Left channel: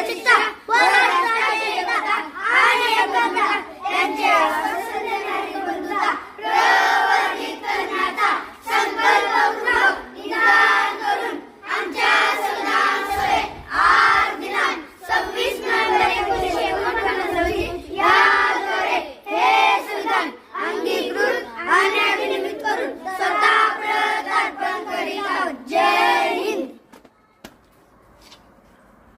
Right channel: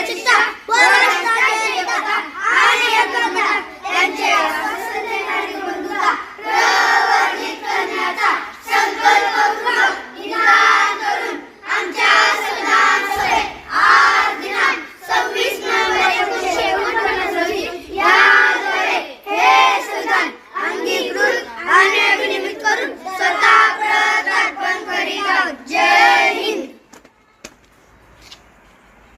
아, 다